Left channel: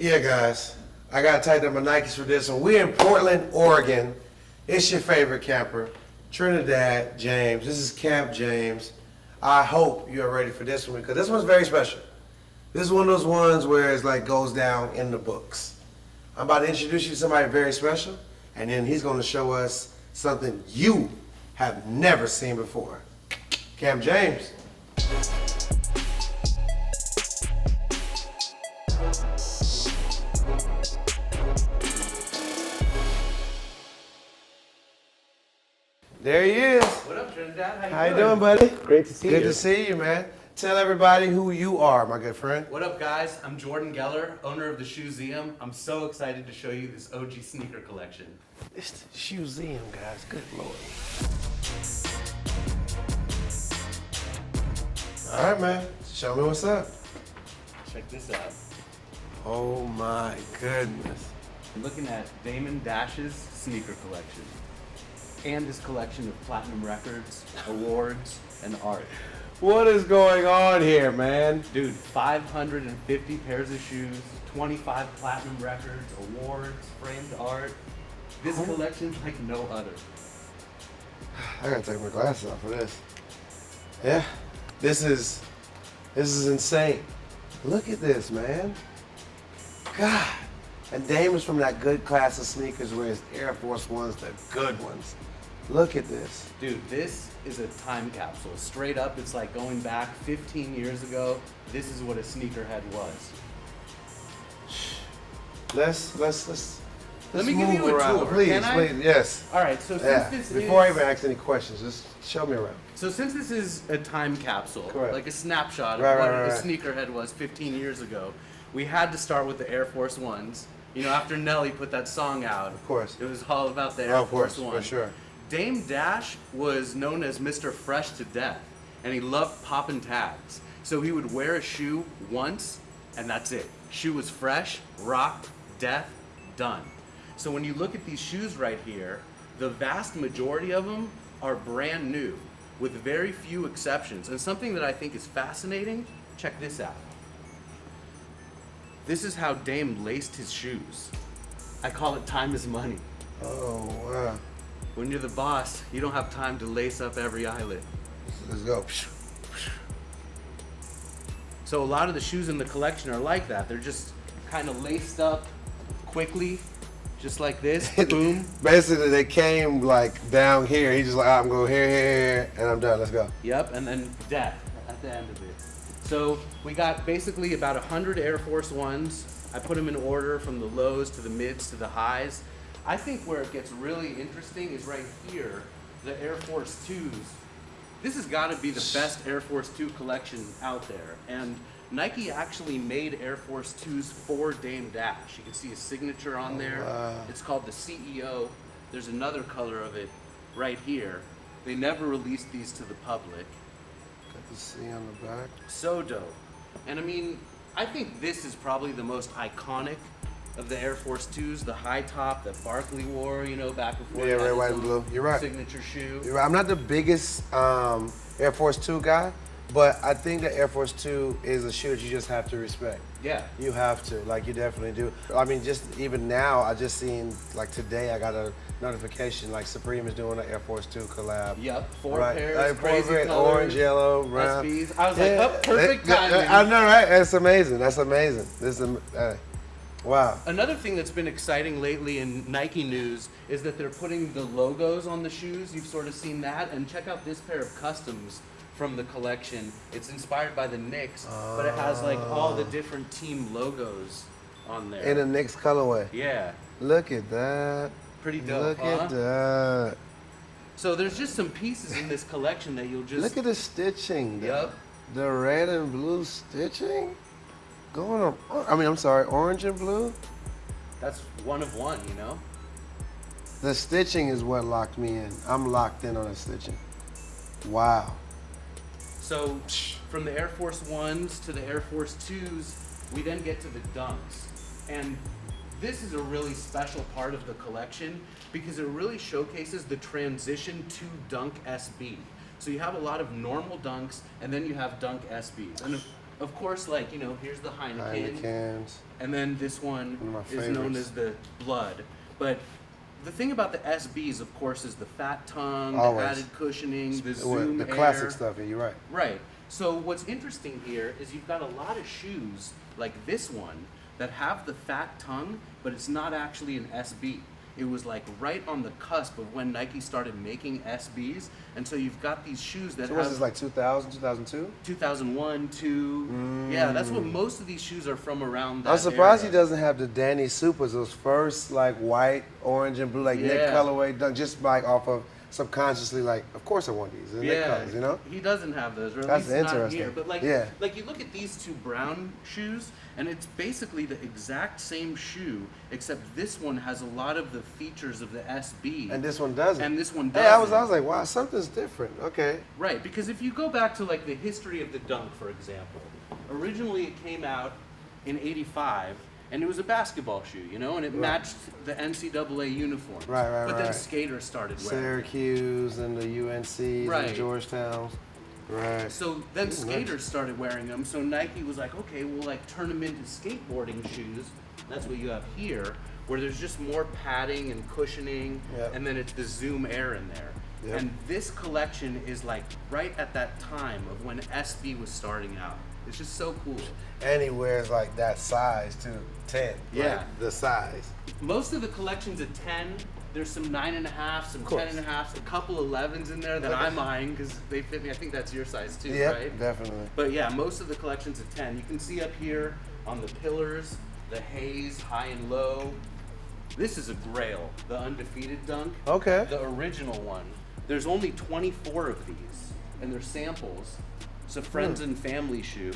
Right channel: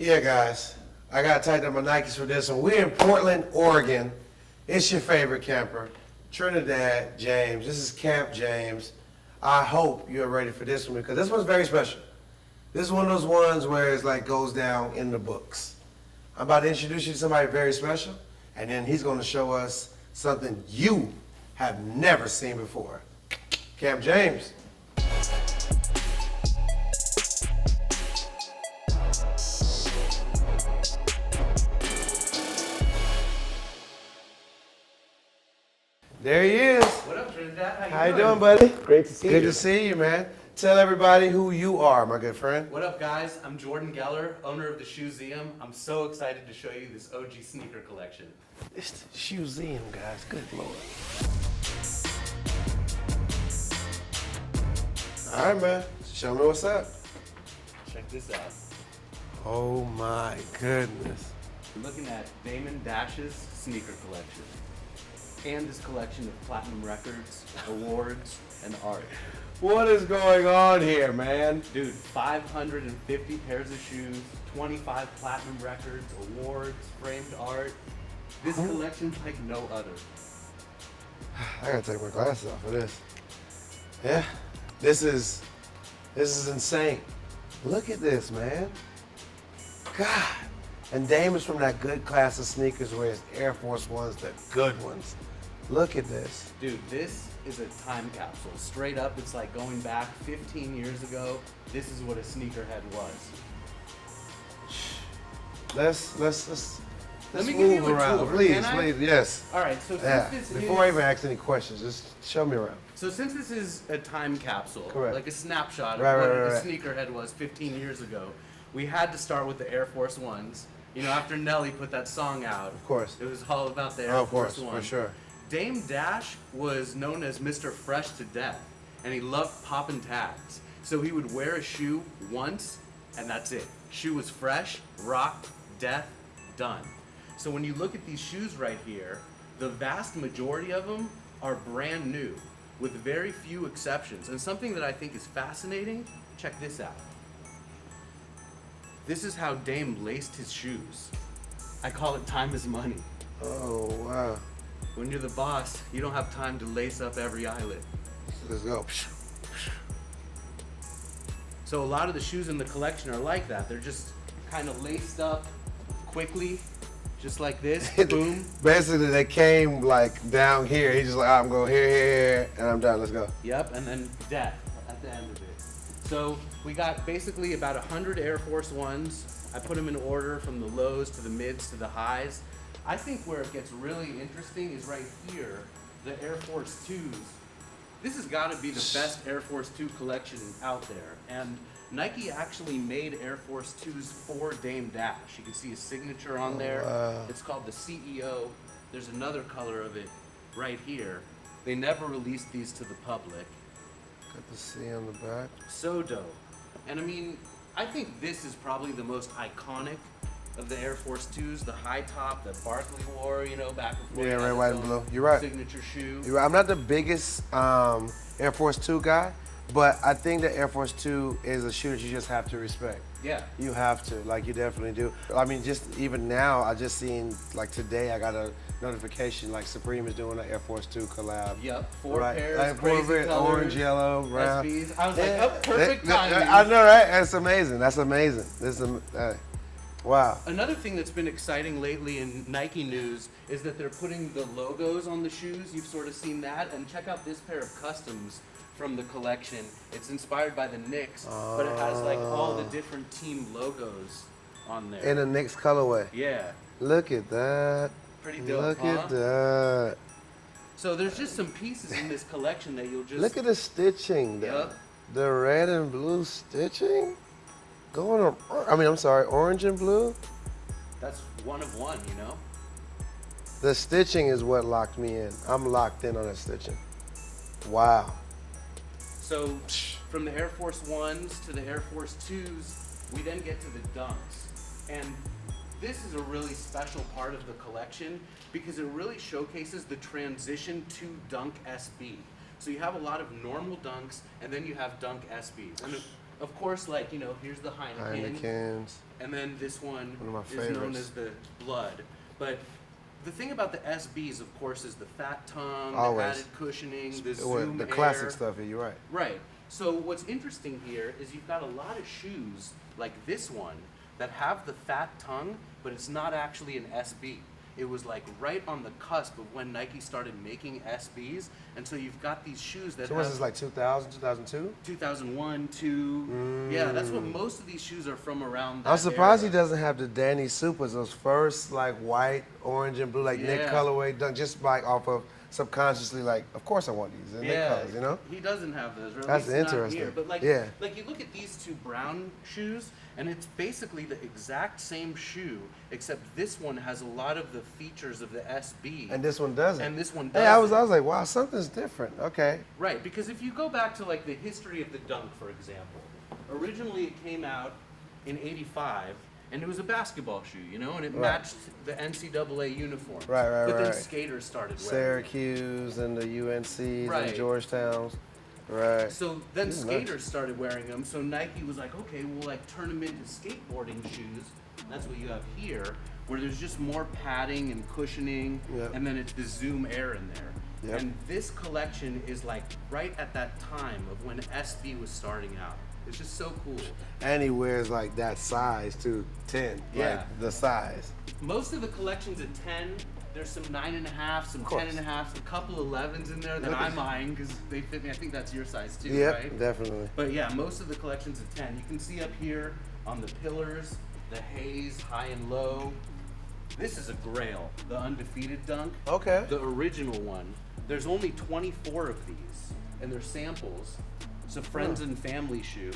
Yeah, guys, I got tightened up my Nikes for this one. We're in Portland, Oregon. It's your favorite camper, Trinidad James. This is Camp James. I hope you're ready for this one because this one's very special. This is one of those ones where it's like goes down in the books. I'm about to introduce you to somebody very special, and then he's going to show us something you have never seen before. Camp James. There he is. What up, Trinidad? How you doing, buddy? Great to see Good you. to see you, man. Tell everybody who you are, my good friend. What up, guys? I'm Jordan Geller, owner of the Shoezeum. I'm so excited to show you this OG sneaker collection. All right, man. Show me what's up. Check this out. Oh my goodness. I'm looking at Damon Dash's sneaker collection. And his collection of platinum records, awards, and art. What is going on here, man? Dude, 550 pairs of shoes, 25 platinum records, awards, framed art. This collection's like no other. I gotta take my glasses off for this. Yeah, this is insane. Look at this, man. God. And Damon's from that good class of sneakers where it's Air Force Ones, the good ones. Look at this. Dude, this is a time capsule. Straight up, it's like going back 15 years ago. This is what a sneakerhead was. Let's Let me give you a around. tour. Please, Can I? please, yes. All right, so since this Before I is... even ask any questions, just show me around. So since this is a time capsule, Correct. like a snapshot of Right, what right, a right. sneakerhead was 15 years ago, we had to start with the Air Force Ones. You know, after Nelly put that song out, Of course. it was all about the Air Of Force course, One. for sure. Dame Dash was known as Mr. Fresh to Death, and he loved popping tags. So he would wear a shoe once, and that's it. Shoe was fresh, rocked, death, done. So when you look at these shoes right here, the vast majority of them are brand new, with very few exceptions. And something that I think is fascinating, check this out. This is how Dame laced his shoes. I call it time is money. Oh, wow. When you're the boss, you don't have time to lace up every eyelid. Let's go. So a lot of the shoes in the collection are like that. They're just kind of laced up quickly, just like this, boom. Basically, they came like down here. He just like, I'm going here, and I'm done. Let's go. Yep, and then death at the end of it. So we got basically about 100 Air Force Ones. I put them in order from the lows to the mids to the highs. I think where it gets really interesting is right here, the Air Force 2s. This has got to be the best Air Force 2 collection out there. And Nike actually made Air Force 2s for Dame Dash. You can see his signature on there. It's called the CEO. There's another color of it right here. They never released these to the public. See on the back. So dope. And I mean, I think this is probably the most iconic of the Air Force 2s, the high top that Barkley wore, you know, back before he had his white, own blue. You're right. signature shoe. You're right. I'm not the biggest Air Force 2 guy, but I think that Air Force 2 is a shoe that you just have to respect. Yeah. You have to, like you definitely do. I mean, just even now, I just seen, like today, I got a notification, like Supreme is doing an Air Force 2 collab. Yep, four Right. pairs, Like, crazy red, colors, orange, yellow, brown. SBs. I was like, oh, perfect timing. I know, right? That's amazing. That's amazing. This is, wow. Another thing that's been exciting lately in Nike news is that they're putting the logos on the shoes. You've sort of seen that. And check out this pair of customs from the collection. It's inspired by the Knicks, but it has like all the different team logos on there. In a Knicks colorway. Yeah. Look at that. Pretty dope, Look huh? at that. So there's just some pieces in this collection that you'll just... Look at the stitching. Yep. The red and blue stitching. Oh, I mean, I'm sorry, orange and blue. That's one of one, you know? The stitching is what locked me in. I'm locked in on the stitching. Wow. So from the Air Force 1s to the Air Force 2s, we then get to the Dunks. And this is a really special part of the collection because it really showcases the transition to Dunk SB. So you have a lot of normal Dunks and then you have Dunk SBs. And of course, like, you know, here's the Heineken. And then this one is known as the Blood. But the thing about the SBs, of course, is the fat tongue, the added cushioning, the zoom air. Classic stuff, you're right. Right. So what's interesting here is you've got a lot of shoes like this one that have the fat tongue, but it's not actually an SB. It was like right on the cusp of when Nike started making SBs, and so you've got these shoes that have. This is like 2000, 2002? 2001, 2. Yeah, that's what most of these shoes are from around that I'm surprised era. he doesn't have the Danny Supers, those first like white, orange, and blue, like Nick colorway, done just like off of subconsciously, like, of course I want these. Yeah, colors, you know? he doesn't have those, or at That's least not interesting. here. But like, Yeah. like you look at these two brown shoes, and it's basically the exact same shoe, except this one has a lot of the features of the SB, And this one doesn't. and this one Yeah, doesn't. I was like, wow, something's different. Okay. Right, because if you go back to like the history of the Dunk, for example, originally it came out in '85, and it was a basketball shoe, you know, and it matched the NCAA uniforms. Right, But then right. skaters started wearing it. Syracuse and the UNC, Right. and Georgetowns. Right. So then skaters started wearing them, so Nike was like, okay, we'll like turn them into skateboarding shoes. That's what you have here, where there's just more padding and cushioning, and then it's the zoom air in there. Yeah. And this collection is like right at that time of when SB was starting out. It's just so cool. And he wears like that size too, 10. Yeah. Like, the size. Most of the collection's a 10. There's some 9.5, some 10.5, a couple 11s in there that I'm eyeing because they fit me. I think that's your size too, Yeah, right? definitely. But yeah, most of the collection's a 10. You can see up here on the pillars, the haze, high and low. This is a grail, the undefeated Dunk. Okay. The original one. There's only 24 of these, and they're samples. It's a friends and family shoe.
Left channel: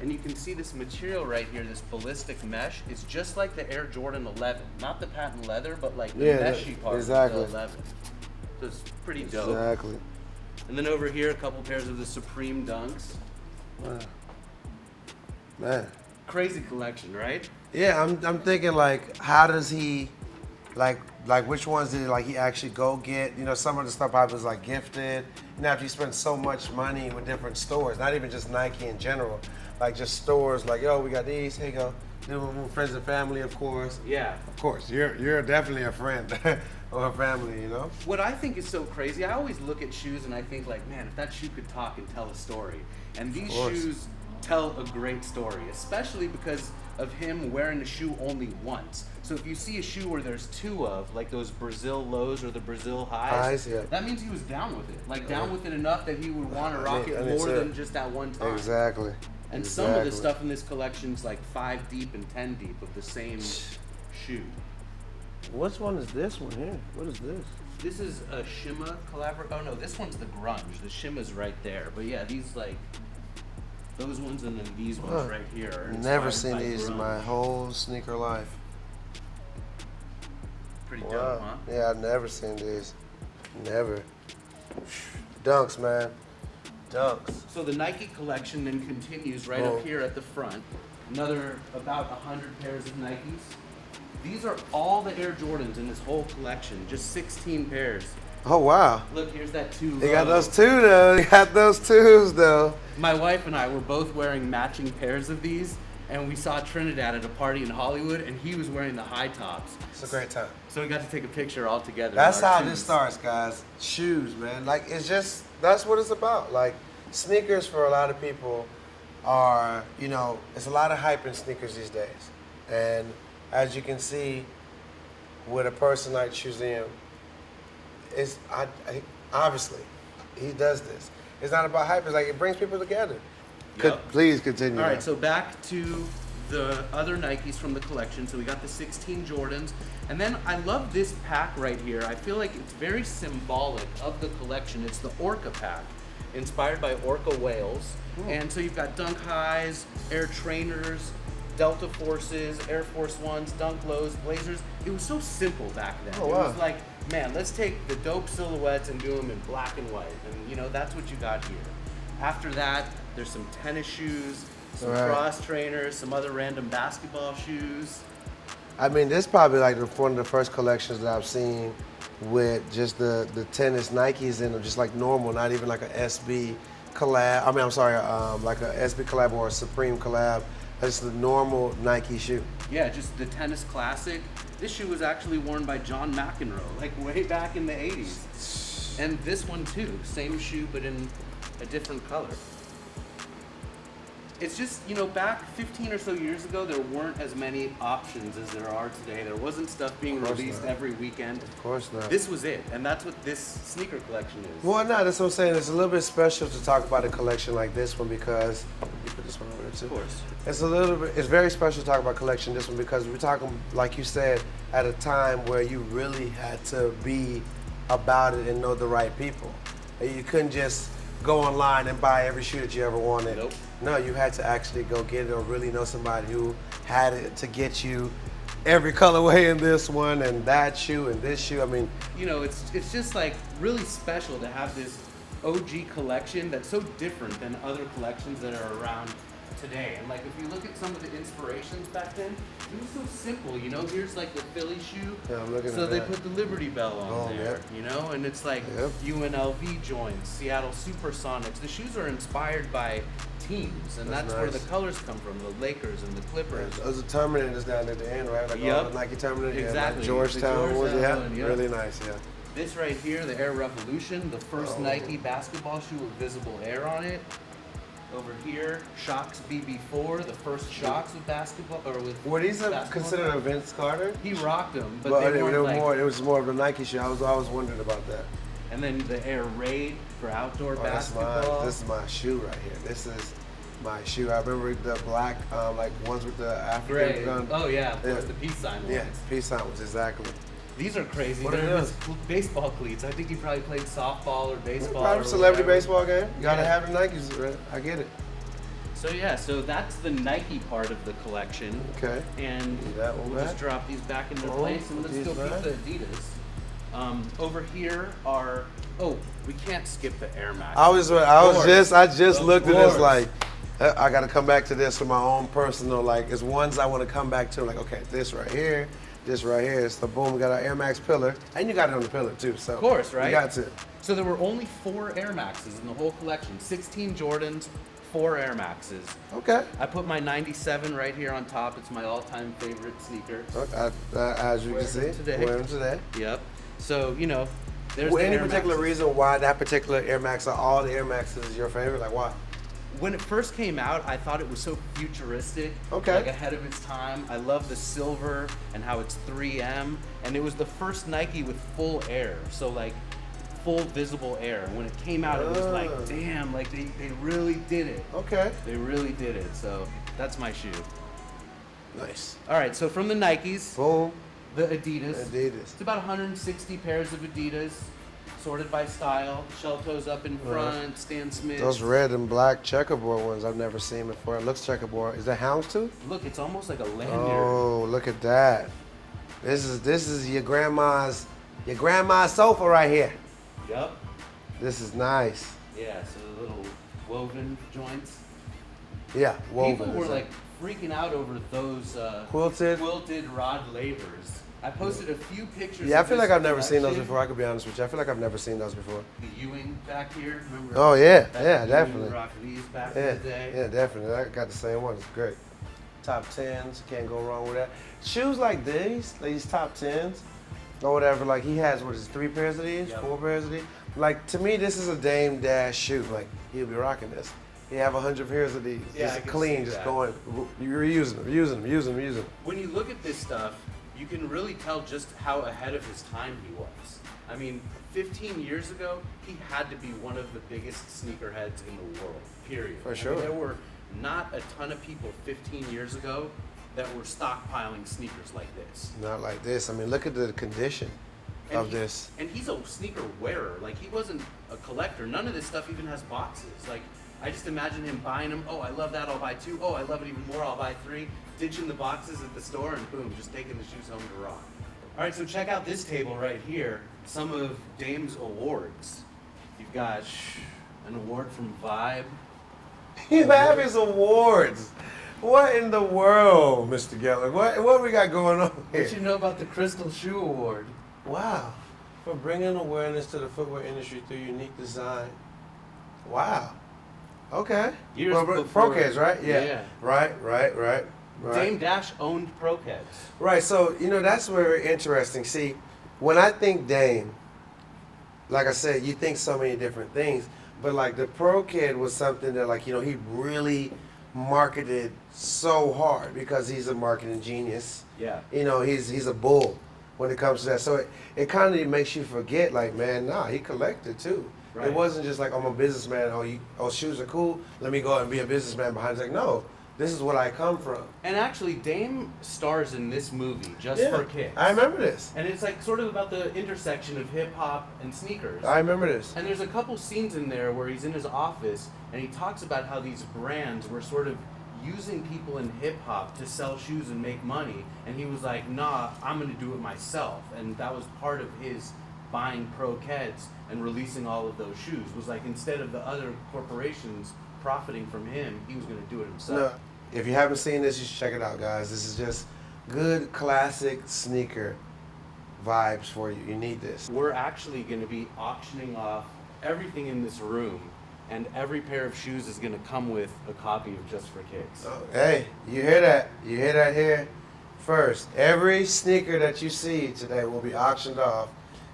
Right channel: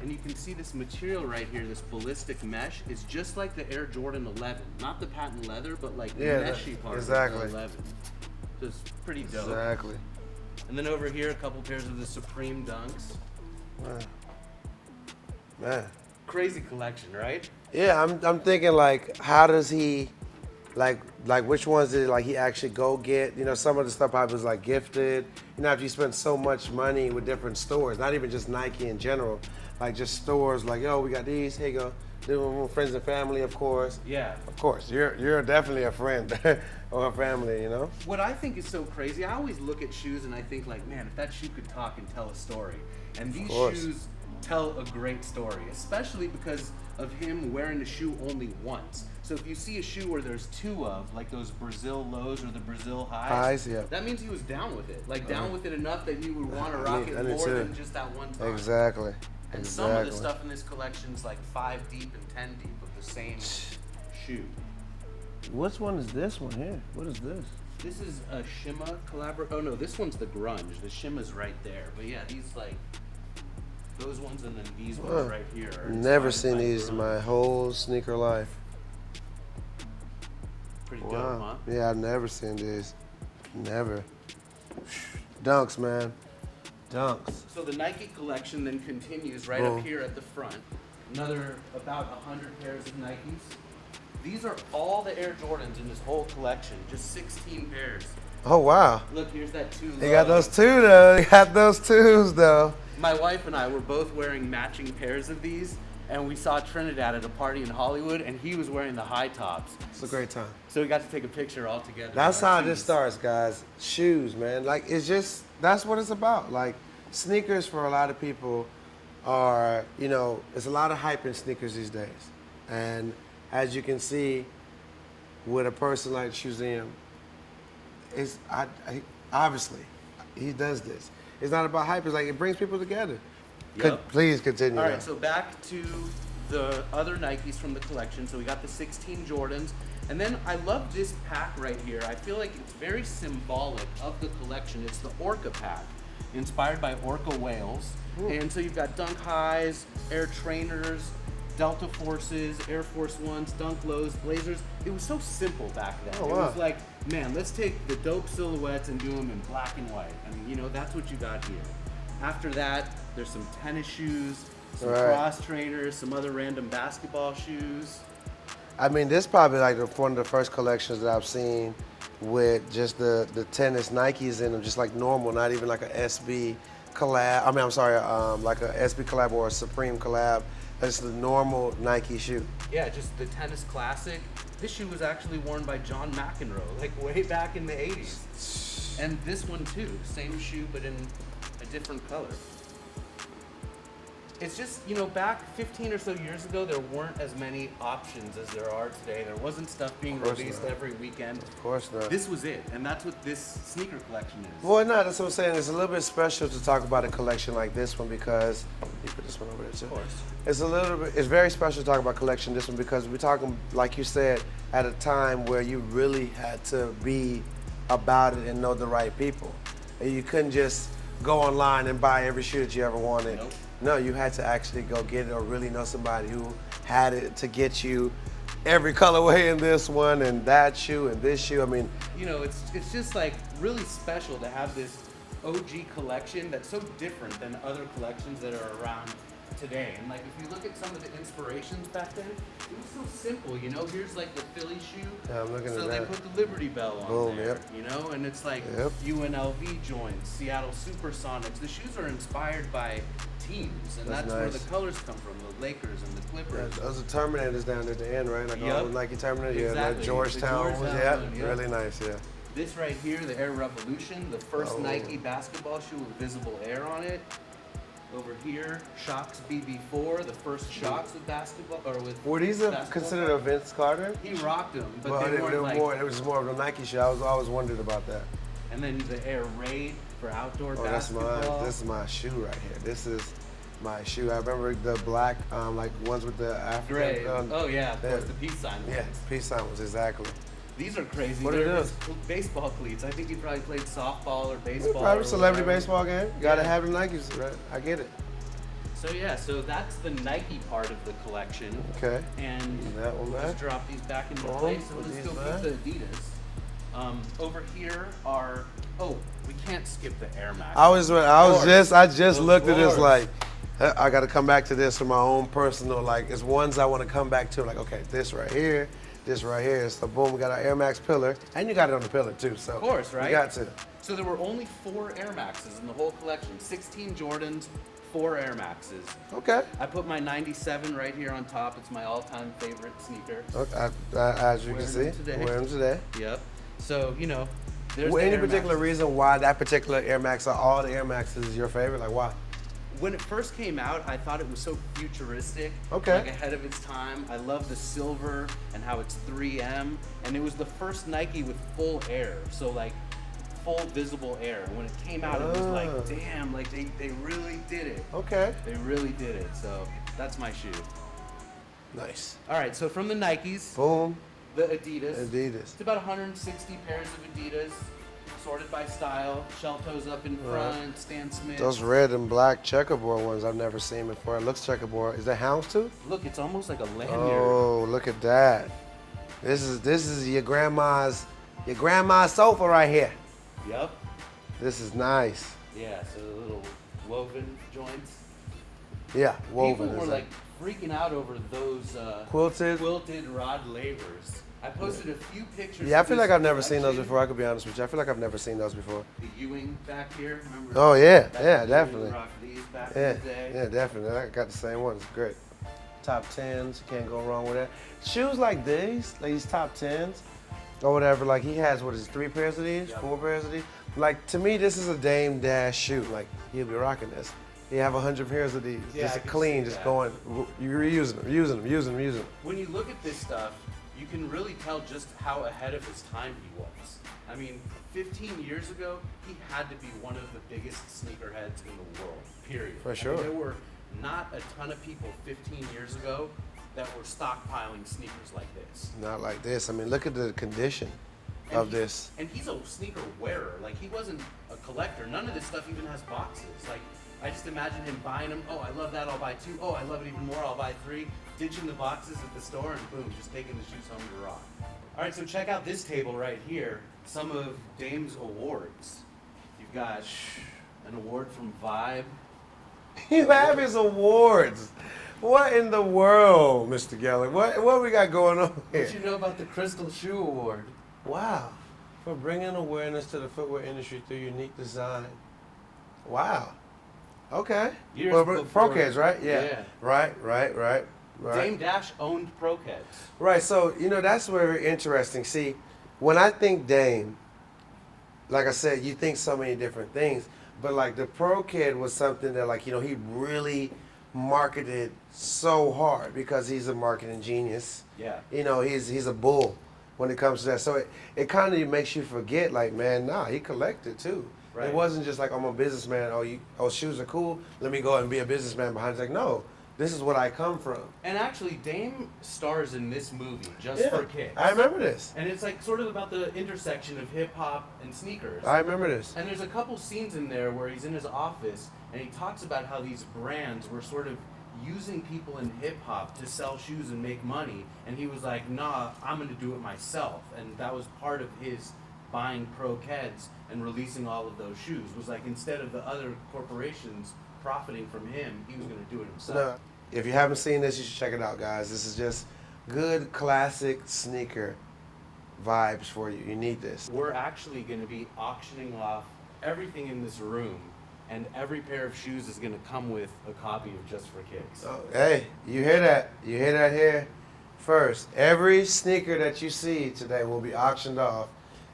And you can see this material right here, this ballistic mesh, is just like the Air Jordan 11. Not the patent leather, but like the meshy part of the 11. So it's pretty dope. Exactly. And then over here, a couple pairs of the Supreme Dunks. Man. Crazy collection, right? Yeah, I'm thinking like, how does he, like which ones did like he actually go get? You know, some of the stuff I was like gifted. You know, after you spend so much money with different stores, not even just Nike in general, like just stores like, yo, we got these, here you go. You know, friends and family, of course. Yeah. Of course, you're definitely a friend or a family, you know? What I think is so crazy, I always look at shoes and I think like, man, if that shoe could talk and tell a story. And these shoes tell a great story, especially because of him wearing the shoe only once. So if you see a shoe where there's two of, like those Brazil lows or the Brazil highs, that means he was down with it. Like down with it enough that he would want to rock it more than just that one time. Exactly. And some of the stuff in this collection is like 5 deep and 10 deep of the same shoe. Which one is this one, man? What is this? This is a Shima collaboration. Oh no, this one's the Grunge. The Shima's right there. But yeah, these like, those ones and then these ones right here are inspired Never seen by these grunge. in my whole sneaker life. Pretty dope, huh? Yeah, I've never seen these. Never. Dunks, man. Dunks. So the Nike collection then continues right up here at the front. Another about 100 pairs of Nikes. These are all the Air Jordans in this whole collection, just 16 pairs. Oh, wow. Look, here's that 2 low. They got those two, though. They got those twos, though. My wife and I were both wearing matching pairs of these, and we saw Trinidad at a party in Hollywood, and he was wearing the high tops. It's a great time. So we got to take a picture all together. That's in our how this twos. starts, guys. Shoes, man. Like, it's just, that's what it's about. Like, sneakers for a lot of people are, you know, there's a lot of hype in sneakers these days. And as you can see, with a person like Shoezeum, it's, obviously, he does this. It's not about hype, it's like it brings people together. Yep. Please continue. All right, so back to the other Nikes from the collection. So we got the 16 Jordans. And then I love this pack right here. I feel like it's very symbolic of the collection. It's the Orca Pack, inspired by orca whales. And so you've got Dunk Highs, Air Trainers, Delta Forces, Air Force Ones, Dunk Lows, Blazers. It was so simple back then. It was like, man, let's take the dope silhouettes and do them in black and white. And you know, that's what you got here. After that, there's some tennis shoes, some cross trainers, some other random basketball shoes. I mean, this is probably like one of the first collections that I've seen with just the tennis Nikes in them, just like normal, not even like an SB collab. I mean, I'm sorry, like a SB collab or a Supreme collab. It's the normal Nike shoe. Yeah, just the tennis classic. This shoe was actually worn by John McEnroe, like way back in the 80s. And this one too, same shoe but in a different color. It's just, you know, back 15 or so years ago, there weren't as many options as there are today. There wasn't stuff being released every weekend. Of course not. This was it, and that's what this sneaker collection is. Well, no, that's what I'm saying. It's a little bit special to talk about a collection like this one because, Of course. it's very special to talk about a collection this one because we're talking, like you said, at a time where you really had to be about it and know the right people. And you couldn't just go online and buy every shoe that you ever wanted. Nope. No, you had to actually go get it or really know somebody who had it to get you every colorway in this one and that shoe and this shoe. I mean, You know, it's just like really special to have this OG collection that's so different than other collections that are around today. And like if you look at some of the inspirations back then, it was so simple, you know, here's like the Philly shoe. Yeah, I'm looking So at they that. put the Liberty Bell on Oh, there, yeah. you know, and it's like UNLV joints, Seattle Supersonics. The shoes are inspired by teams, and that's where nice. the colors come from, the Lakers and the Clippers. Those are Terminators down at the end, right? Like Yep. all the Nike Terminator. Exactly. The The Georgetown ones, Georgetown yeah. one, yep. Really nice, yeah. This right here, the Air Revolution, the first Oh. Nike basketball shoe with visible air on it. Over here, Shox BB4, the first Shox with basketball, or with Were these basketball considered a colors. Vince Carter? He rocked them, but Well, they weren't like. it was more of a Nike shoe. I was always wondered about that. And then the Air Raid for outdoor Oh, that's basketball. this is my shoe right here. This is my shoe. I remember the black, like ones with the African Gray. gun. Oh yeah, of Yeah. course, the peace sign ones. Yeah, peace signs, exactly. These are crazy. What They're are his those? baseball cleats. I think he probably played softball or baseball. Probably or celebrity whatever. baseball game. Gotta Yeah. have the Nikes, right? I get it. So yeah, so that's the Nike part of the collection. Okay. And That one we'll just back. drop these back into place and let's go peep back. the Adidas. Over here are, we can't skip the Air Max. I just Of looked at this course. like, I gotta come back to this for my own personal, like, it's ones I wanna come back to, like, okay, this right here. So boom, we got our Air Max pillar, and you got it on the pillar too, so. Of course, right? You got to. So there were only 4 Air Maxes in the whole collection. 16 Jordans, 4 Air Maxes. Okay. I put my 97 right here on top. It's my all-time favorite sneaker. As you can Wearing see. them today. Wearing them today. Yep. So, you know, there's the Any Air particular Maxes. reason why that particular Air Max, or all the Air Maxes is your favorite? Like, why? When it first came out, I thought it was so futuristic, Okay. like ahead of its time. I love the silver and how it's 3M, and it was the first Nike with full air, so like full visible air. And when it came out, it was like, damn, like they really did it. Okay. They really did it. So that's my shoe. Nice. All right, so from the Nikes, Boom. the Adidas. Adidas. It's about 160 pairs of Adidas, sorted by style. Shell toes up in front, Stan Smiths. Those red and black checkerboard ones I've never seen before. It looks checkerboard. Is that houndstooth? Look, it's almost like a lanyard. Oh, look at that. This is your grandma's sofa right here. Yep. This is nice. Yeah, so the little woven joints. Yeah. People were like freaking out over those Quilted? rod lavers. I posted a few pictures Yeah, I of feel this like I've never seen those collection. before. I could be honest with you. I feel like I've never seen those before. The Ewing back here, remember? Oh, yeah, That yeah, Ewing definitely. rock these back in the day. Yeah, definitely. I got the same one. It's great. Top tens, can't go wrong with that. Shoes like these top tens, or whatever. Like he has, what is it, 3 pairs of these, Yep. 4 pairs of these. Like to me, this is a Damon Dash shoe. Like he'll be rocking this. They have 100 pairs of these. Yeah, It's I can clean, see that. Going, you reuse them, use them. When you look at this stuff, you can really tell just how ahead of his time he was. I mean, 15 years ago, he had to be one of the biggest sneakerheads in the world, period. For I sure. mean, there were not a ton of people 15 years ago that were stockpiling sneakers like this. Not like this. I mean, look at the condition And of he this. and he's a sneaker wearer. Like he wasn't a collector. None of this stuff even has boxes. Like I just imagine him buying them. Oh, I love that. I'll buy 2. Oh, I love it even more. I'll buy 3. Ditching the boxes at the store and boom, just taking the shoes home to rock. All right, so check out this table right here. Some of Dame's awards. You've got an award from Vibe. You have his awards. What in the world, Mr. Geller? What we got going on here? What you know about the Crystal Shoe Award? Wow. For bringing awareness to the footwear industry through unique design. Wow. Okay. Years Well, before. Pro Kids, right? Yeah. Yeah. Right. Dame Dash owned Pro Kids. Right, so, that's very interesting. See, when I think Dame, like I said, you think so many different things, but like the Pro Kid was something that like, he really marketed so hard because he's a marketing genius. Yeah. He's a bull when it comes to that. So it kind of makes you forget, like, man, nah, he collected too. Right. It wasn't just like, I'm a businessman, shoes are cool, let me go out and be a businessman behind. It's like, no, this is what I come from. And actually, Dame stars in this movie, Just for Kicks. I remember this. And it's like sort of about the intersection of hip hop and sneakers. I remember this. And there's a couple scenes in there where he's in his office and he talks about how these brands were sort of using people in hip hop to sell shoes and make money. And he was like, nah, I'm gonna do it myself. And that was part of his buying Pro Keds and releasing all of those shoes. Was like, instead of the other corporations profiting from him, he was gonna do it himself. No, if you haven't seen this, you should check it out, guys. This is just good classic sneaker vibes for you. You need this. We're actually going to be auctioning off everything in this room, and every pair of shoes is going to come with a copy of Just for Kicks. Oh, hey, you hear that? You hear that here first. Every sneaker that you see today will be auctioned off,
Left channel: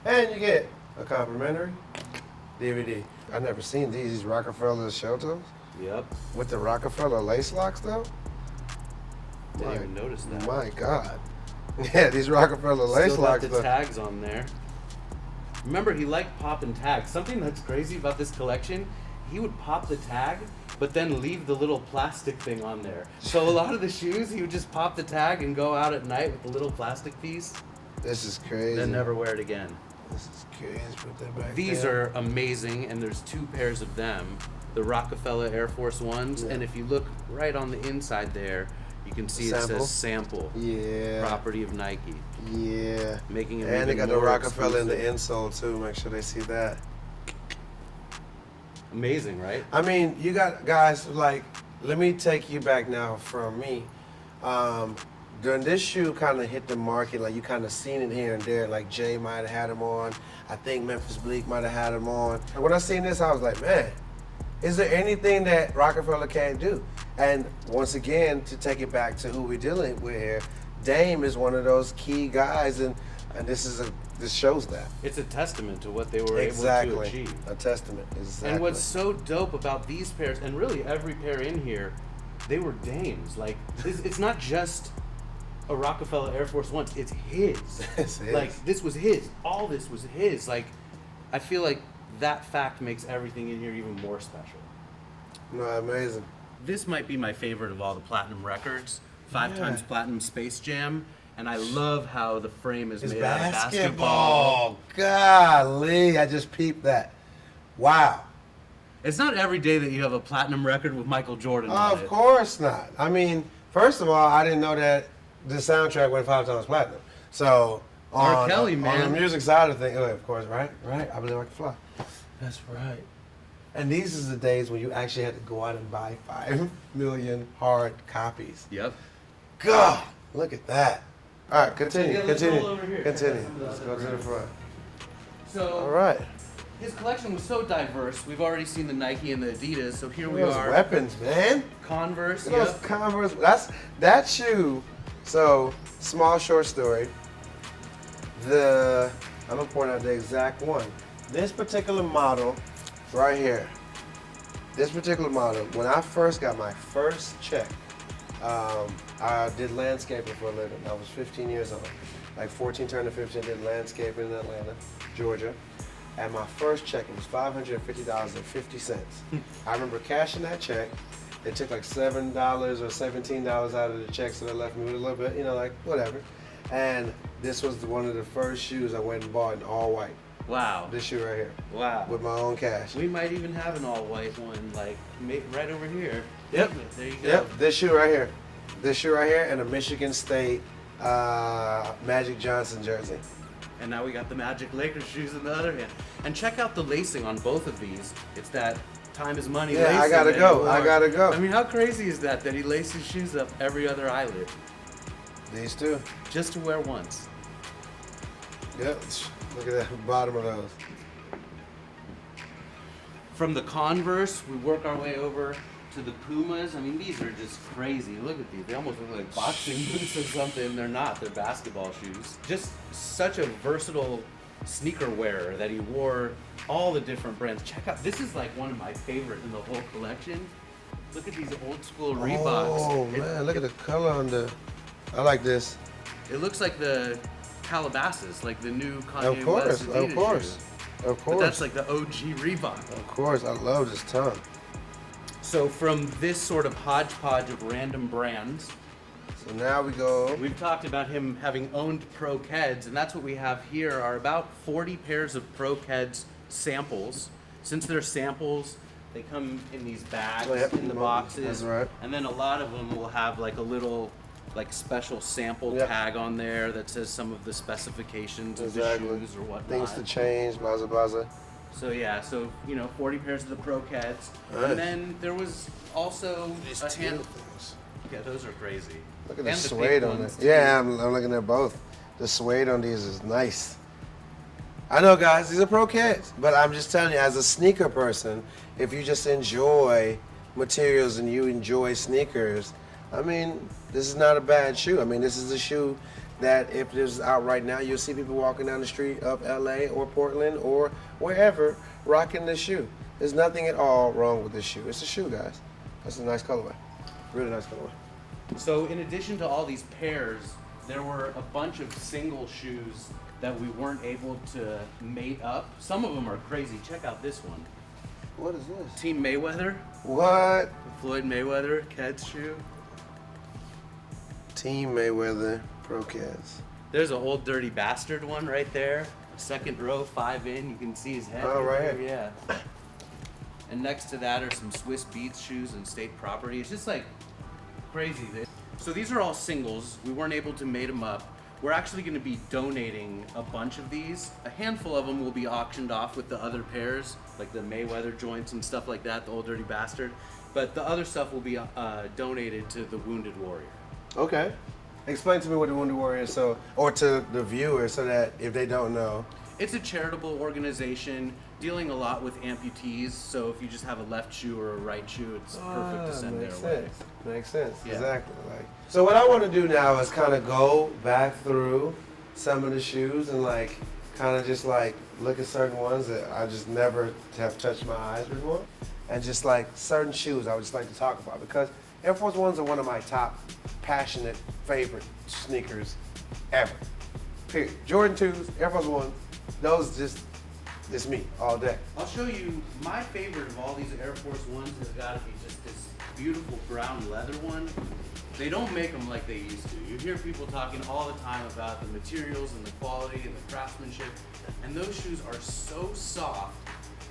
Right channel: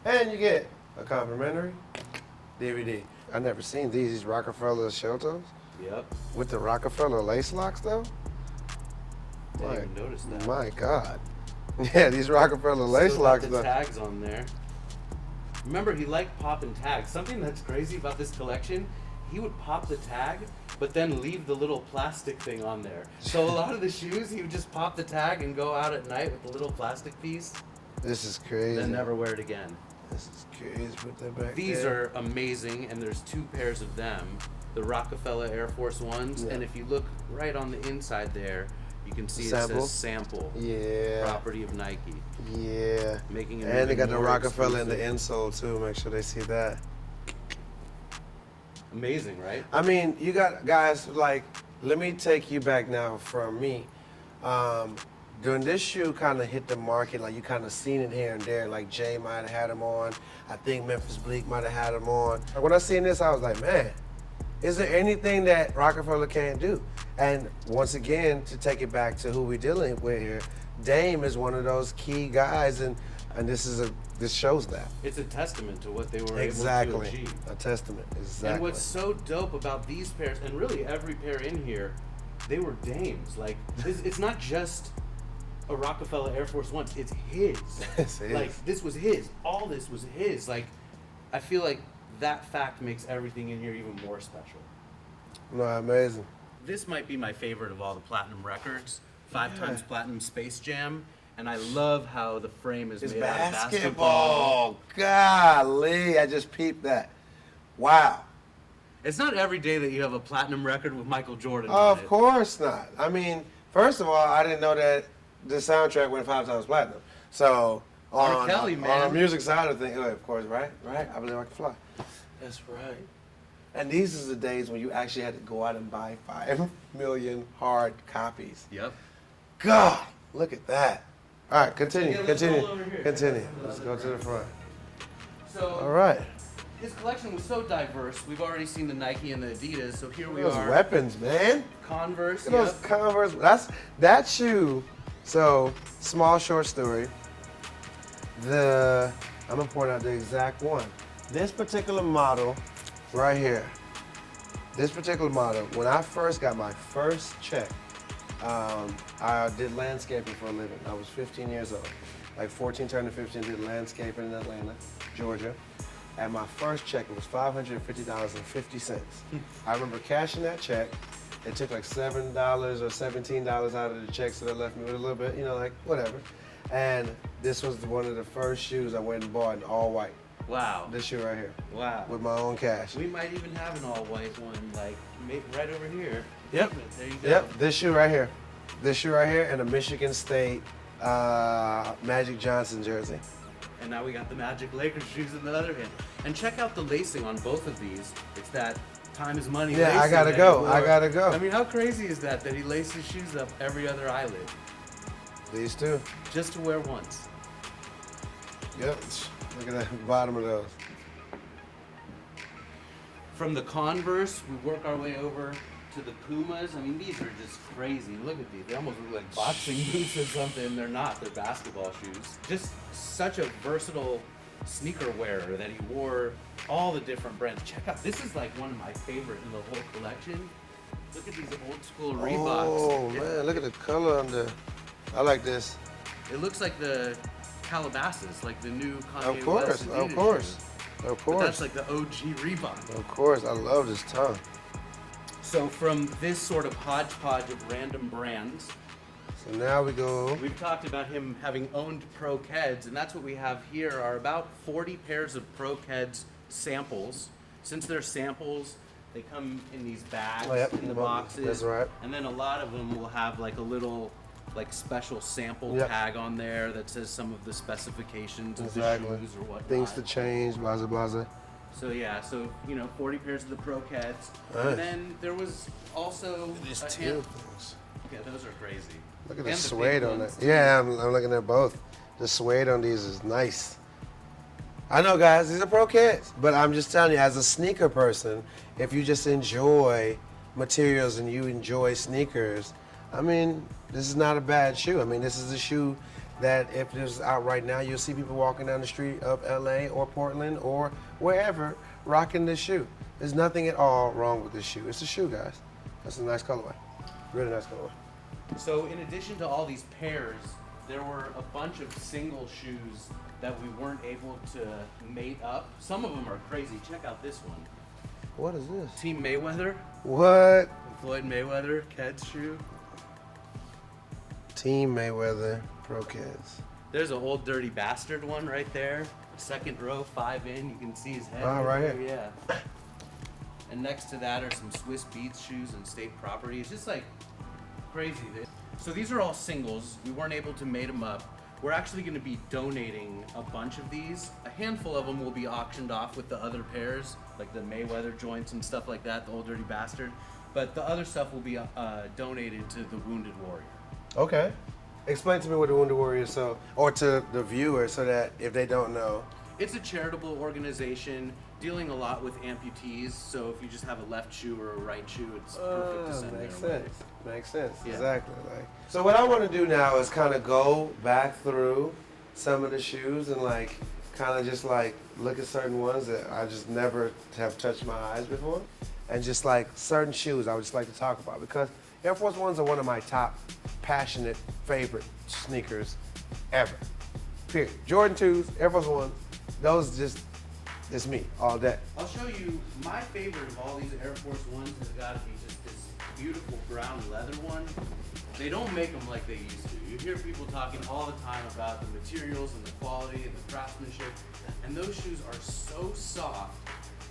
and you get a complimentary DVD. I've never seen these Rockefeller shelters Yep. with the Rockefeller lace locks, though. Didn't even notice that. My God. Yeah, these Rockefeller lace Still got locks. the though. tags on there. Remember, he liked popping tags. Something that's crazy about this collection, he would pop the tag, but then leave the little plastic thing on there. So a lot of the shoes, he would just pop the tag and go out at night with the little plastic piece, This is crazy. then never wear it again. This is crazy. Put that back These there. are amazing, and there's two pairs of them, the Rockefeller Air Force Ones, Yeah. and if you look right on the inside there, you can see it says sample, Yeah. property of Nike, Yeah. making them And they even got the more Rockefeller in the exclusive. insole too. Make sure they see that. Amazing, right? I mean, you got guys like. Let me take you back now from me. During this shoe kind of hit the market, like you kind of seen it here and there. Like Jay might have had them on. I think Memphis Bleak might have had them on. And when I seen this, I was like, man, is there anything that Rockefeller can't do? And once again, to take it back to who we're dealing with here, Dame is one of those key guys, and this shows that. It's a testament to what they were able to achieve. A testament. Exactly. And what's so dope about these pairs, and really every pair in here, they were Dames. Like, it's not just a Rockefeller Air Force One, it's his. It's his. Like, this was his. All this was his. Like, I feel like that fact makes everything in here even more special. No, amazing. This might be my favorite of all the platinum records. 5 times platinum Space Jam. And I love how the frame is It's made out of basketball. Golly, I just peeped that. Wow. It's not every day that you have a platinum record with Michael Jordan on it. Of course not. I mean, first of all, I didn't know that the soundtrack went 5 times platinum. So, R. Kelly, man. On the music side of things, of course, right? Right. I believe I can fly. That's right. And these are the days when you actually had to go out and buy 5 million hard copies. Yep. God, look at that. All right, continue. Yeah, let's continue. roll over here. Check out some of the other brands. So, All right. his collection was so diverse. We've already seen the Nike and the Adidas, so here we Those are. Weapons, man. Converse, Those yep. Converse. That shoe. So, small short story. I'm gonna point out the exact one. This particular model, right here. This particular model. When I first got my first check, I did landscaping for a living. I was 15 years old. Like 14 turning to 15, did landscaping in Atlanta, Georgia. And my first check, it was $550.50. I remember cashing that check. It took like $7 or $17 out of the check, so they left me with a little bit, like whatever. And this was one of the first shoes I went and bought in all white. Wow. This shoe right here, Wow. with my own cash. We might even have an all-white one, like, right over here. Yep. There you go. Yep, this shoe right here. This shoe right here and a Michigan State Magic Johnson jersey. And now we got the Magic Lakers shoes in the other hand. And check out the lacing on both of these. It's that time is money Yeah, lacing. I gotta that go. he wore. I gotta go. I mean, how crazy is that he laces shoes up every other eyelid These two. just to wear once? Yep. Look at the bottom of those. From the Converse, we work our way over to the Pumas. I mean, these are just crazy. Look at these. They almost look like boxing boots or something. They're not. They're basketball shoes. Just such a versatile sneaker wearer that he wore all the different brands. Check out, this is like one of my favorite in the whole collection. Look at these old school Reeboks. Oh, man, look at the color on the... I like this. It looks like the Calabasas, like the new Kanye Of course, West Adidas of course. shoe. Of course. But that's like the OG Reebok. Of course, I love this ton. So from this sort of hodgepodge of random brands, So now we go... we've talked about him having owned Pro Keds, and that's what we have here are about 40 pairs of Pro Keds samples. Since they're samples, they come in these bags, Oh, yep. in the boxes, That's right. and then a lot of them will have like a little like special sample Yep. tag on there that says some of the specifications of Exactly. the shoes or Things whatnot. to change, blah, blah, blah. So yeah, so 40 pairs of the Pro Keds, Nice. and then there was also a Two hand. things. Yeah, those are crazy. Look at And the the suede pink on ones. this. too. Yeah, I'm looking at both. The suede on these is nice. I know, guys, these are Pro Kids, but I'm just telling you, as a sneaker person, if you just enjoy materials and you enjoy sneakers, I mean, this is not a bad shoe. I mean, this is a shoe that if it was out right now, you'll see people walking down the street of LA or Portland or wherever rocking this shoe. There's nothing at all wrong with this shoe. It's a shoe, guys. That's a nice colorway. Really nice colorway. So in addition to all these pairs, there were a bunch of single shoes that we weren't able to mate up. Some of them are crazy. Check out this one. What is this? Team Mayweather, What? Floyd Mayweather, Keds shoe. Team Mayweather Pro Kids. There's an old dirty bastard one right there. Second row, 5 in. You can see his head. Oh, right there, yeah. And next to that are some Swiss Beatz shoes and state property. It's just like crazy. So these are all singles. We weren't able to mate them up. We're actually going to be donating a bunch of these. A handful of them will be auctioned off with the other pairs, like the Mayweather joints and stuff like that, the old dirty bastard. But the other stuff will be donated to the Wounded Warrior. Okay. Explain to me what the Wounded Warrior is, or to the viewer, so that if they don't know. It's a charitable organization dealing a lot with amputees. So if you just have a left shoe or a right shoe, it's perfect to send their makes way. sense. Makes sense. Yeah. Exactly. So what I want to do now is kind of go back through some of the shoes and kind of just look at certain ones that I just never have touched my eyes before, and just certain shoes I would just like to talk about, because Air Force Ones are one of my top passionate favorite sneakers ever. Period. Jordan 2s, Air Force One, those just is me all day. I'll show you my favorite of all these Air Force Ones has got to be just this beautiful brown leather one. They don't make them like they used to. You hear people talking all the time about the materials and the quality and the craftsmanship, and those shoes are so soft.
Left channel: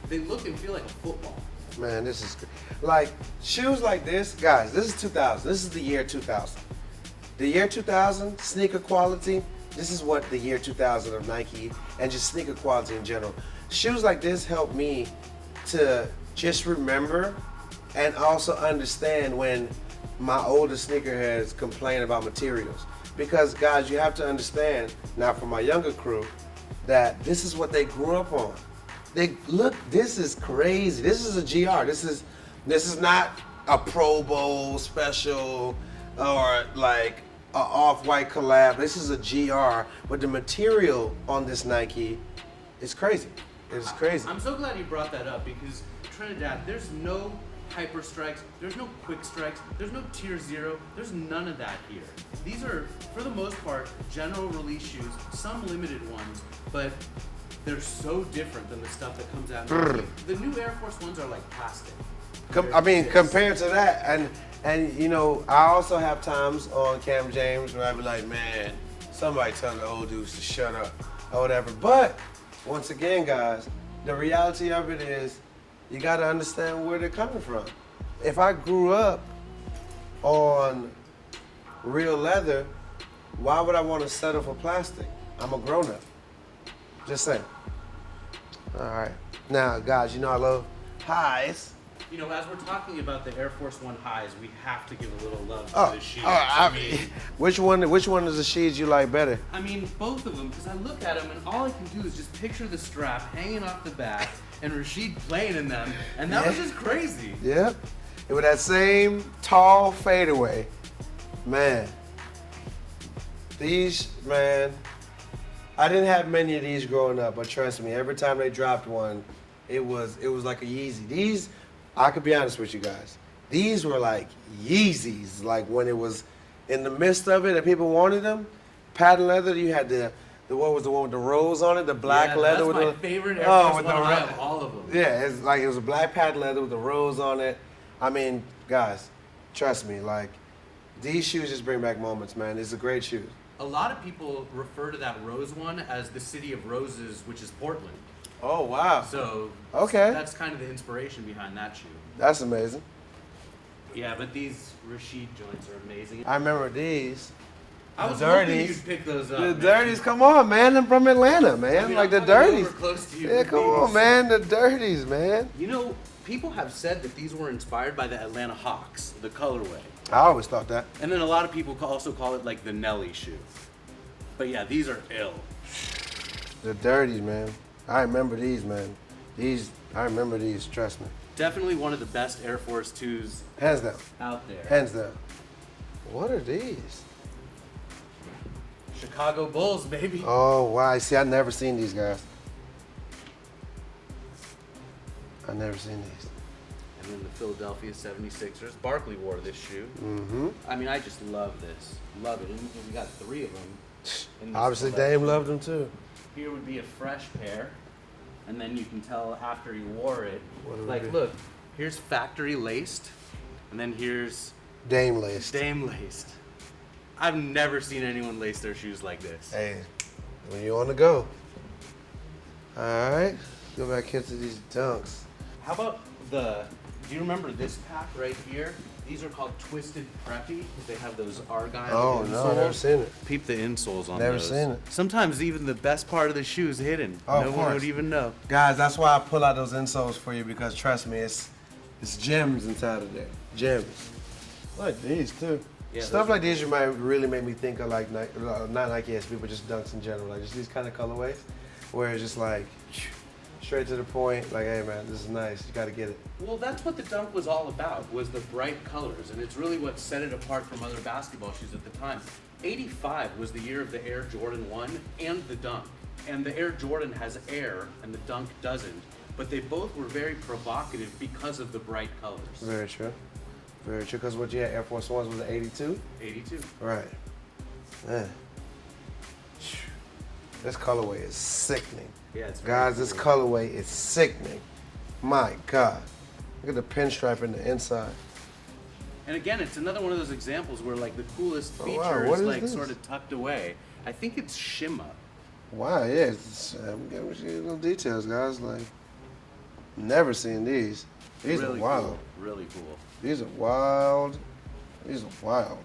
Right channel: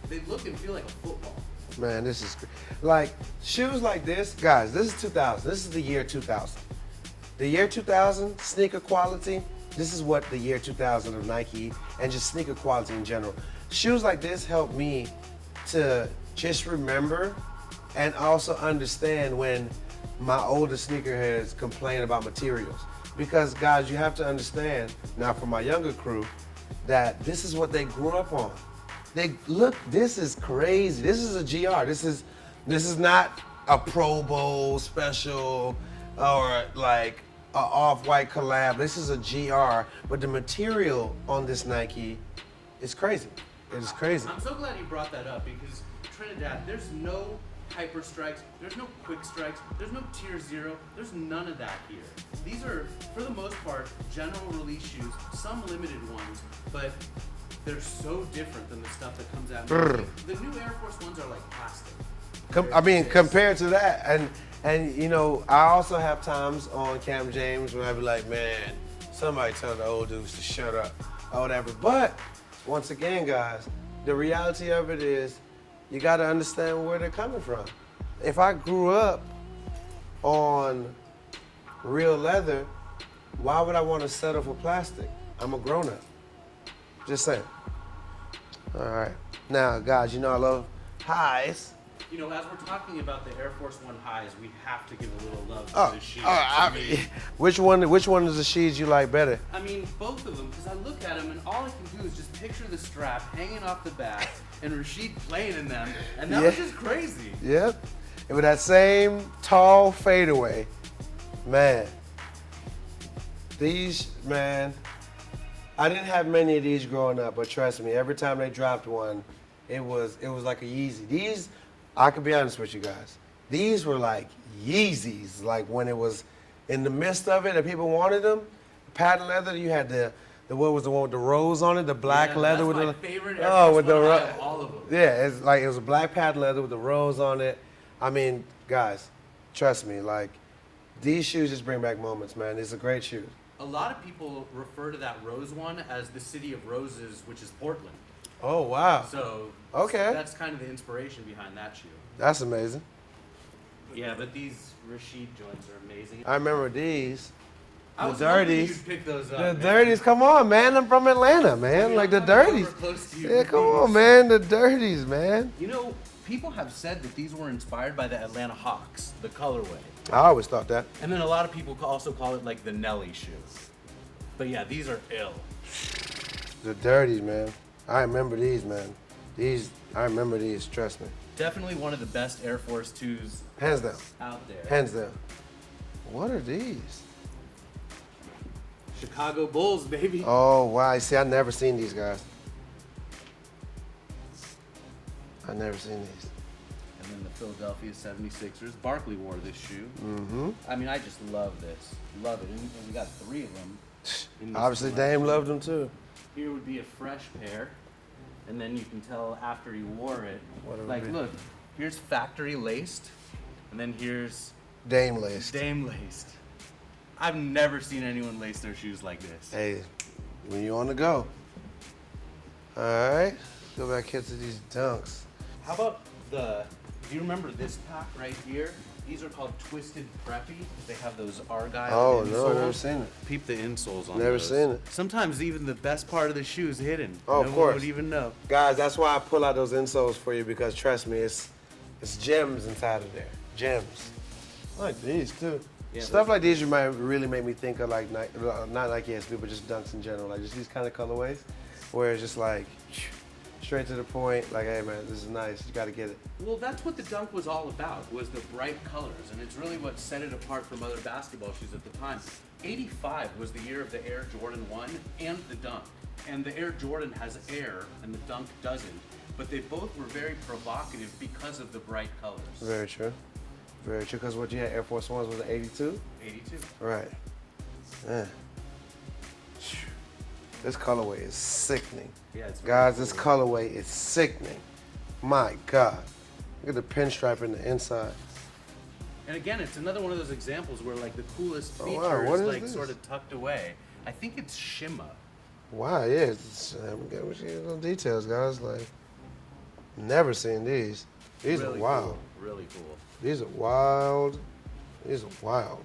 They look and feel like a football. Man, this is shoes like this, guys. This is 2000. This is the year 2000. The year 2000 sneaker quality. This is what the year 2000 of Nike and just sneaker quality in general. Shoes like this help me to just remember and also understand when my older sneakerheads complain about materials. Because guys, you have to understand, now for my younger crew, that this is what they grew up on. This is crazy. This is a GR. This is not a Pro Bowl special or a off-white collab. This is a GR, but the material on this Nike is crazy. It's crazy. I'm so glad you brought that up, because Trinidad, there's no hyper strikes, there's no quick strikes, there's no tier 0, there's none of that here. These are, for the most part, general release shoes, some limited ones, but they're so different than the stuff that comes out now. The new Air Force Ones are like plastic. Compared to that, and I also have times on Cam James where I be like, man, somebody tell the old dudes to shut up or whatever. But once again, guys, the reality of it is you got to understand where they're coming from. If I grew up on real leather, why would I want to settle for plastic? I'm a grown up. Just saying. All right. Now, guys, I love pies. You know, as we're talking about the Air Force One highs, we have to give a little love to the shoes. I mean, which one of the shoes you like better? I mean, both of them, because I look at them and all I can do is just picture the strap hanging off the back and Rashid playing in them, and that was just crazy. Yeah. With that same tall fadeaway, man. These, man, I didn't have many of these growing up, but trust me, every time they dropped one, it was like a Yeezy. These, I could be honest with you guys, these were like Yeezys, like when it was in the midst of it and people wanted them. Patent leather, you had the what was the one with the rose on it, the black leather. That's with my the, favorite Air Force One high of all of them. Yeah, it's like it was a black patent leather with the rose on it. I mean, guys, trust me, like these shoes just bring back moments, man. It's a great shoe. A lot of people refer to that rose one as the city of roses, which is Portland. Oh wow. So okay, that's kind of the inspiration behind that shoe. That's amazing. Yeah, but these Rashid joints are amazing. I remember these. I was hoping you'd pick those up. The man. Dirties, come on, man. I'm from Atlanta, man. I mean, like I'm the coming Dirties. over close to you Yeah, with come these. on, man. The Dirties, man. You know, people have said that these were inspired by the Atlanta Hawks, the colorway. I always thought that. And then a lot of people also call it like the Nelly shoe. But yeah, these are ill. The Dirties, man. I remember these, man. I remember these, trust me. Definitely one of the best Air Force 2s Hands down. out there. Hands down. What are these? Chicago Bulls, baby. Oh, wow. See, I never seen these guys. I never seen these. And then the Philadelphia 76ers. Barkley wore this shoe. Mm-hmm. I mean, I just love this. Love it. And we got 3 of them. In this Obviously, collection. Dame loved them too. Here would be a fresh pair. And then you can tell after he wore it. Like, look, here's factory laced. And then here's Dame laced. Dame laced. I've never seen anyone lace their shoes like this. Hey, when you on the go. All right. Look like get to these dunks. How about do you remember this pack right here? These are called Twisted Preppy. They have those Argyle Oh, insoles. no, never seen it. Peep the insoles on Never those. seen it. Sometimes even the best part of the shoe is hidden. Oh, no of one course. would even know. Guys, that's why I pull out those insoles for you because trust me, it's gems inside of there. Gems. I like these too. Yeah, Stuff those like are these you might really make me think of like not Nike SB, but just dunks in general. Like just these kind of colorways where it's just like straight to the point. Like, hey man, this is nice. You gotta get it. Well, that's what the Dunk was all about, was the bright colors, and it's really what set it apart from other basketball shoes at the time. 85 was the year of the Air Jordan 1 and the Dunk. And the Air Jordan has air, and the Dunk doesn't. But they both were very provocative because of the bright colors. Very true. Very true. Because what you had, Air Force Ones was the 82? 82. Right. Man. This colorway is sickening. Yeah, it's very Guys, cool. this colorway is sickening. My God. Look at the pinstripe in the inside. And again, it's another one of those examples where like the coolest Oh, wow. feature What is is like this? sort of tucked away. I think it's shimma. Wow, yeah. It's, we get little details, guys. Like, never seen these. These Really are wild. cool. Really cool. These are wild. These are wild.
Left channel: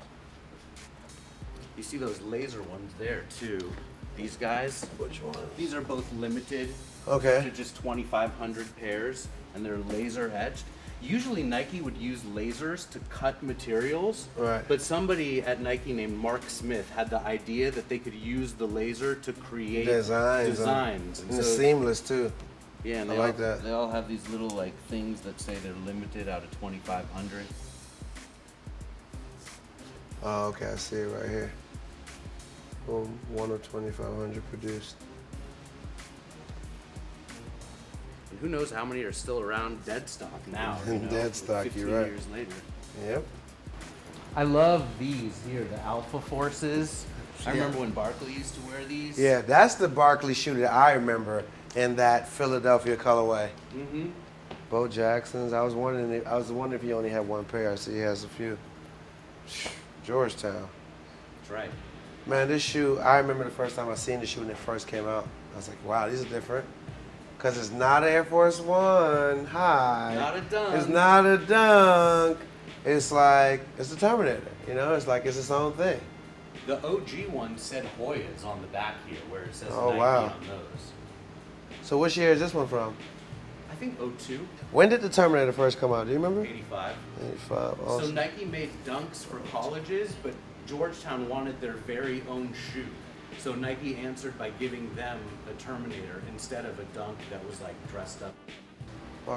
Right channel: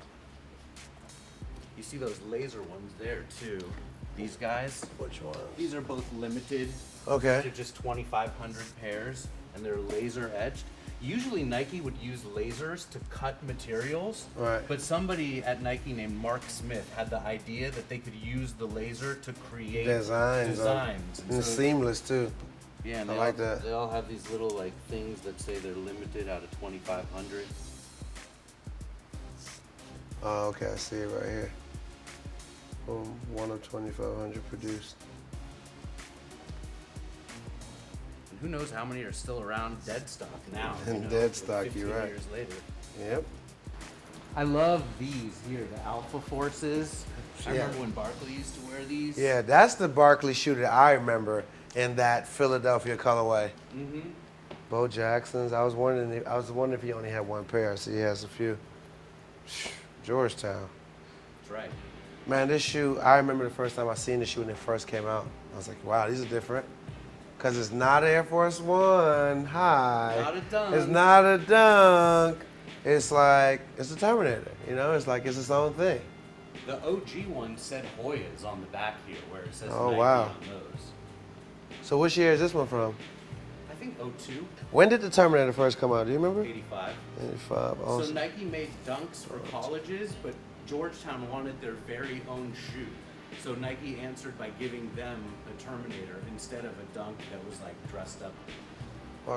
You see those laser ones there too. These guys, Which one? these are both limited Okay. to just 2,500 pairs, and they're laser etched. Usually Nike would use lasers to cut materials, Right. but somebody at Nike named Mark Smith had the idea that they could use the laser to create Designs. And And it's so, seamless too. yeah, and I like that. they all have these little like things that say they're limited out of 2,500. Oh, okay. I see it right here. Boom. 1 of 2,500 produced. And who knows how many are still around dead stock now? In you know, dead like stock, 15 you're right. years later. Yep. I love these here, the Alpha Forces. I remember when Barkley used to wear these. Yeah, that's the Barkley shoe that I remember in that Philadelphia colorway. Mm-hmm. Bo Jackson's. I was wondering if he only had one pair. I see he has a few. Georgetown. That's right. Man, this shoe, I remember the first time I seen the shoe when it first came out. I was like, wow, these are different. Because it's not Air Force One high. Not a dunk. It's not a dunk. It's like, it's a Terminator. You know, it's like, it's its own thing. The OG one said Hoyas on the back here, where it says Oh, Nike wow. on those. So which year is this one from? I think 02. When did the Terminator first come out? Do you remember? 85. Uh, So Nike made dunks for colleges, but Georgetown wanted their very own shoe. So Nike answered by giving them a Terminator instead of a dunk that was like dressed up.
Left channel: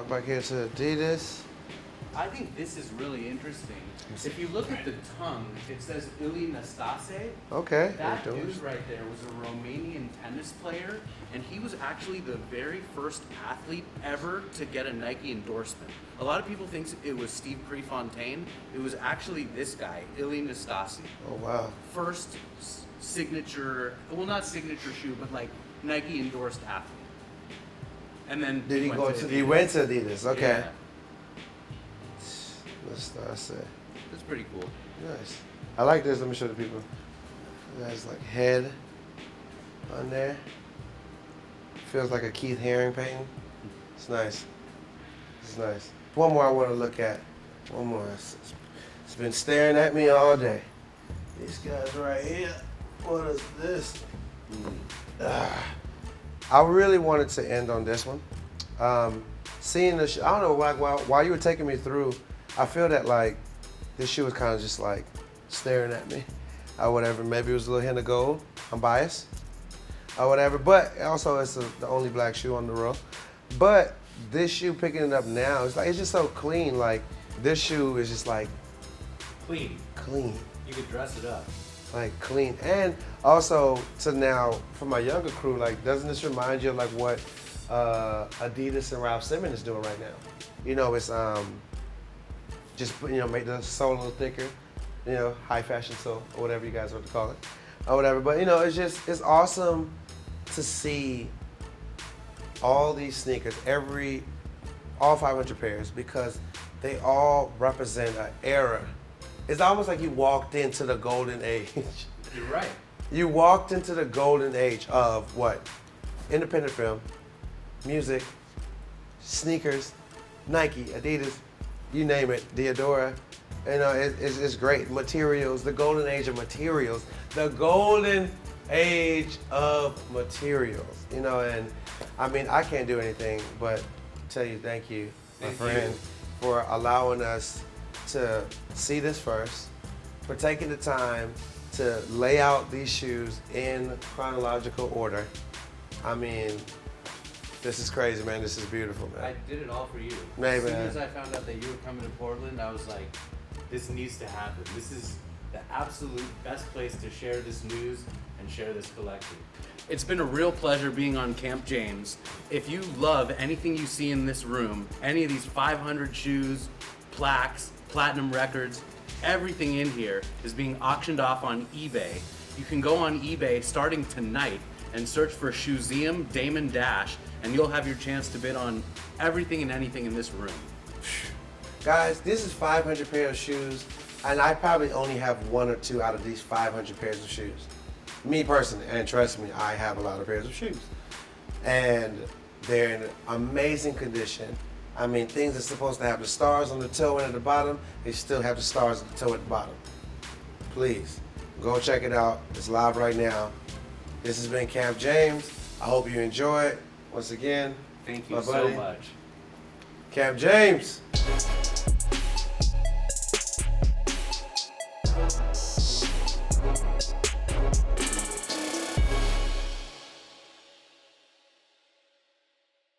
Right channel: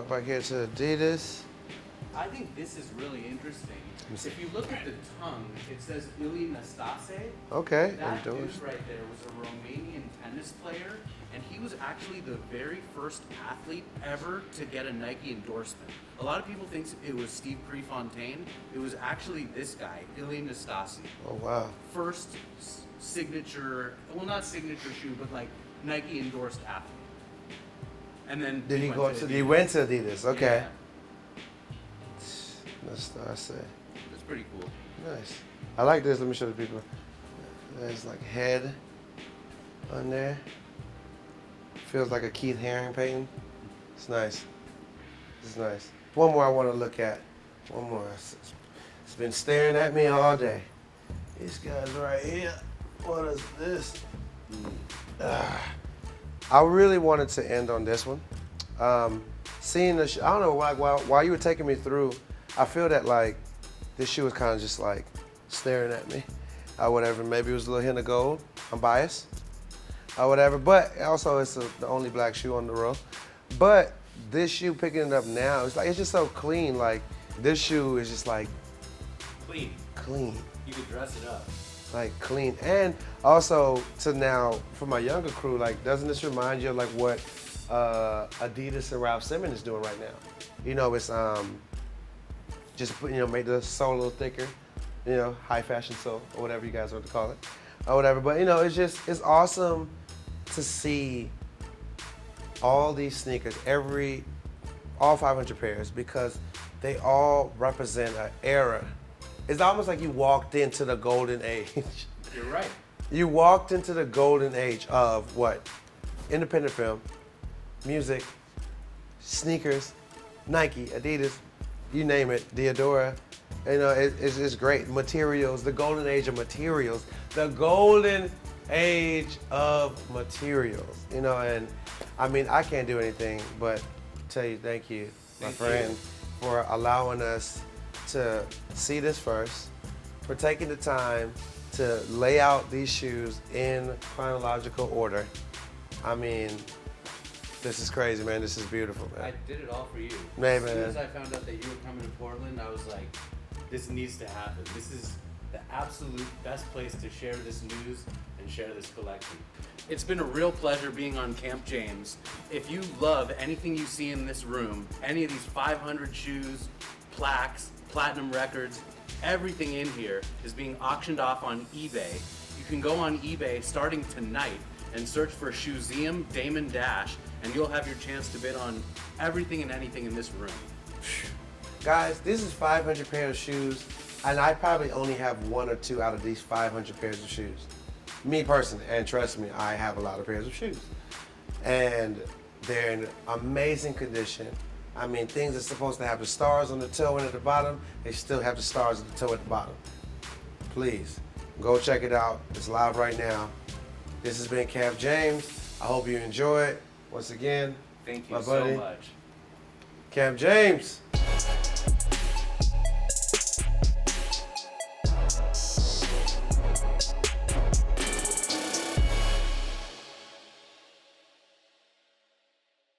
If I get to Adidas. I think this is really interesting. If you look at the tongue, it says Ili Nastase. Okay. That dude right there was a Romanian tennis player, and he was actually the very first athlete ever to get a Nike endorsement. A lot of people think it was Steve Prefontaine. It was actually this guy, Ili Nastase. Oh wow. First signature, well, not signature shoe, but like Nike endorsed athlete. And then Did he went go to to? Adidas. He went to Adidas. Okay. Yeah, That's nice. that's pretty cool. Nice. I like this. Let me show the people. There's like head on there. Feels like a Keith Haring painting. It's nice. It's nice. One more I want to look at. One more. It's been staring at me all day. This guy's right here. What is this? I really wanted to end on this one. Seeing the shoe, I don't know why. While you were taking me through, I feel that like this shoe was kind of just like staring at me, or whatever. Maybe it was a little hint of gold. I'm biased, or whatever. But also, it's the only black shoe on the road. But this shoe, picking it up now, it's just so clean. Like this shoe is just like Clean. clean. You could dress it up. Like clean, and also so now for my younger crew, like doesn't this remind you of like what Adidas and Ralph Simmons is doing right now? You know, it's just make the sole a little thicker, high fashion sole or whatever you guys would call it, or whatever. But it's awesome to see all these sneakers, all 500 pairs, because they all represent an era. It's almost like you walked into the golden age. You're right. You walked into the golden age of what? Independent film, music, sneakers, Nike, Adidas, you name it, Diodora. It's great. Materials, the golden age of materials. The golden age of materials. And I mean, I can't do anything but tell you thank you, my friend, for allowing us to see this first, for taking the time to lay out these shoes in chronological order. I mean, this is crazy, man. This is beautiful. I did it all for you. Man, As soon man. as I found out that you were coming to Portland, I was like, this needs to happen. This is the absolute best place to share this news and share this collection. It's been a real pleasure being on Camp James. If you love anything you see in this room, any of these 500 shoes, plaques, platinum records, everything in here is being auctioned off on eBay. You can go on eBay starting tonight and search for Shoezeum Damon Dash, and you'll have your chance to bid on everything and anything in this room. Guys, this is 500 pairs of shoes, and I probably only have one or two out of these 500 pairs of shoes. Me personally, and trust me, I have a lot of pairs of shoes. And they're in amazing condition. I mean, things are supposed to have the stars on the toe and at the bottom, they still have the stars at the toe at the bottom. Please, go check it out. It's live right now. This has been Camp James. I hope you enjoy it. Once again, Thank you my so buddy, much. Camp James.